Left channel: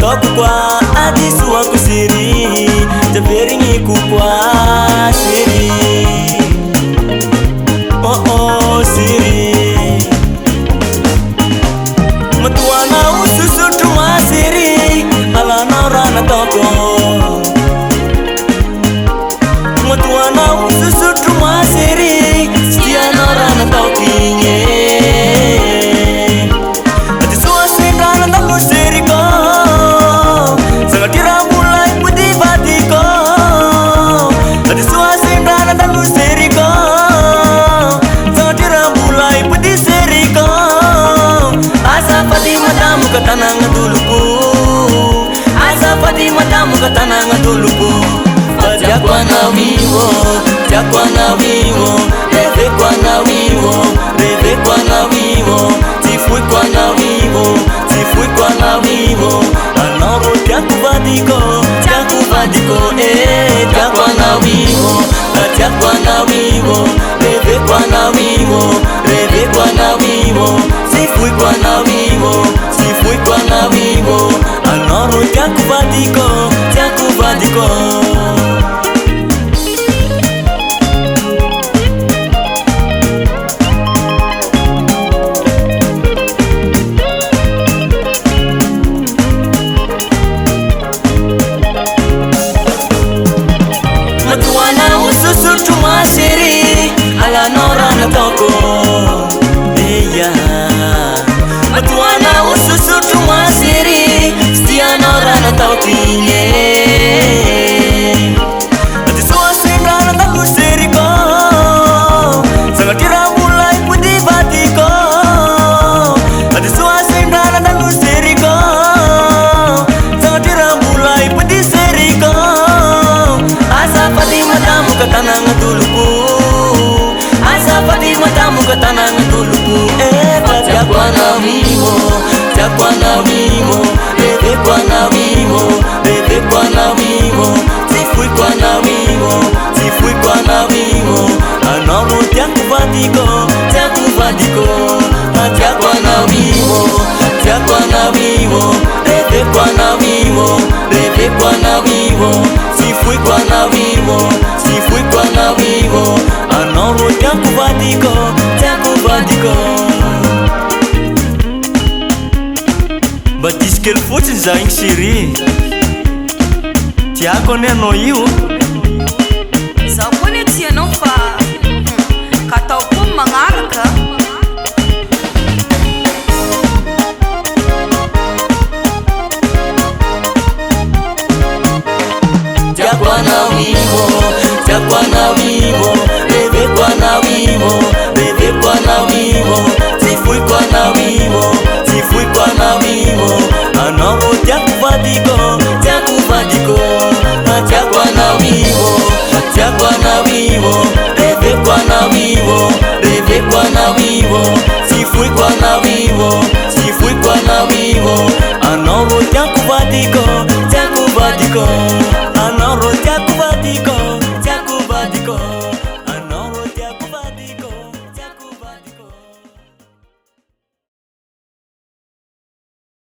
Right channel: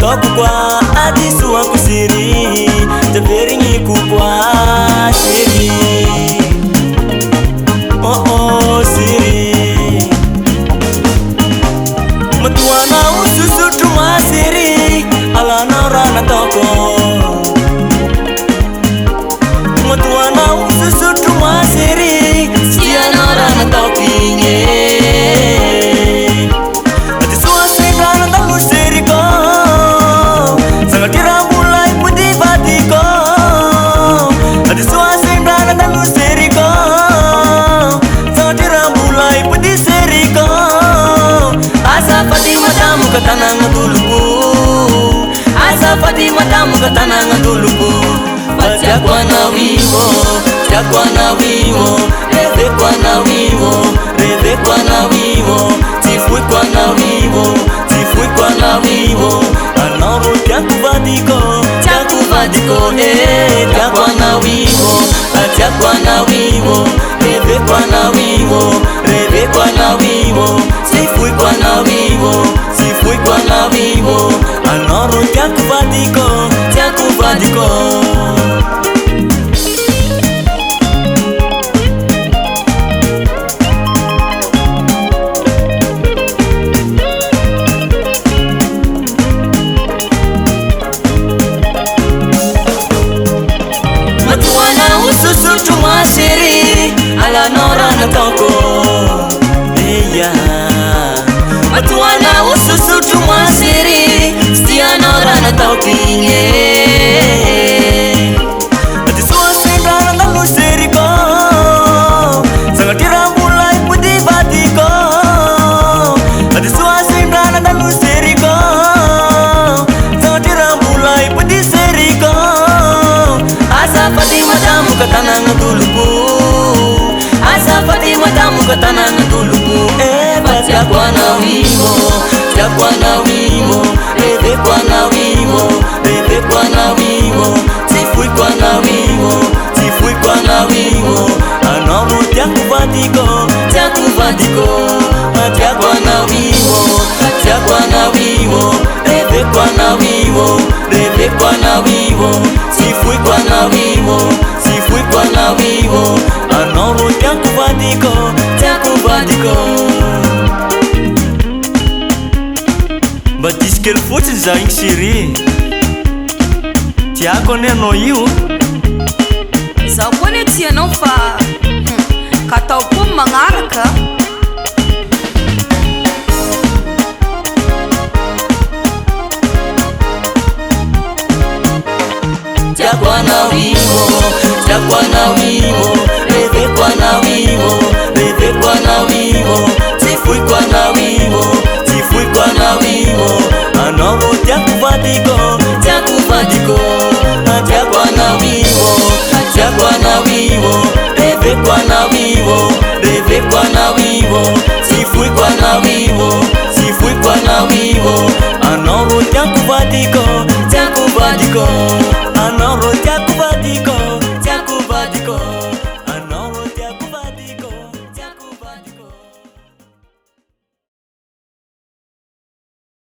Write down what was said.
Toko kwa adisu wa kusiri, teberi ni kupwa siri. Oh oh siri. Matuana ususu tuwa siri, ala nora na toko. Matuana ususu tuwa siri, siya nora na toki. Katanang duluku, asa pati matamu katanang duluku. Jakwa na wiwo, jakwa na wiwo, bebe kwa na wiwo, bebe kwa na wiwo, tifui kwa na wiwo, tifui kwa na wiwo. Anoro jakubadiko, jakubadiko, jakwa na wiwo, jakwa na wiwo, bebe kwa na wiwo, bebe kwa na wiwo, tifui kwa na wiwo. Kwa na vivo, anoro jakubadiko, jakubadiko. Matuana ususu tumasiri, ala nora na toko. Iya, matuana ususu tumasiri, siya nora na toki. Atisua sembra na musiri ko, salatira mulai pudi batiko. Atisua sembra na musiri ko, salatira mulai pudi seriko. Asa pati matamu katanang duluku, asa pati matamu katanang duluku. Jakwa na wiwo, jakwa na wiwo, bebe kwa na wiwo, bebe kwa na wiwo, tifui kwa na wiwo, tifui kwa na wiwo. Anoro jakubadiko, jakubadiko. Jakwa na wiwo, jakwa na wiwo, bebe kwa na wiwo, bebe kwa na wiwo, tifui kwa na wiwo, tifui kwa na wiwo. Anoro jakubadiko, jakubadiko. Batistel fotsy zagny siri, tiako neno io.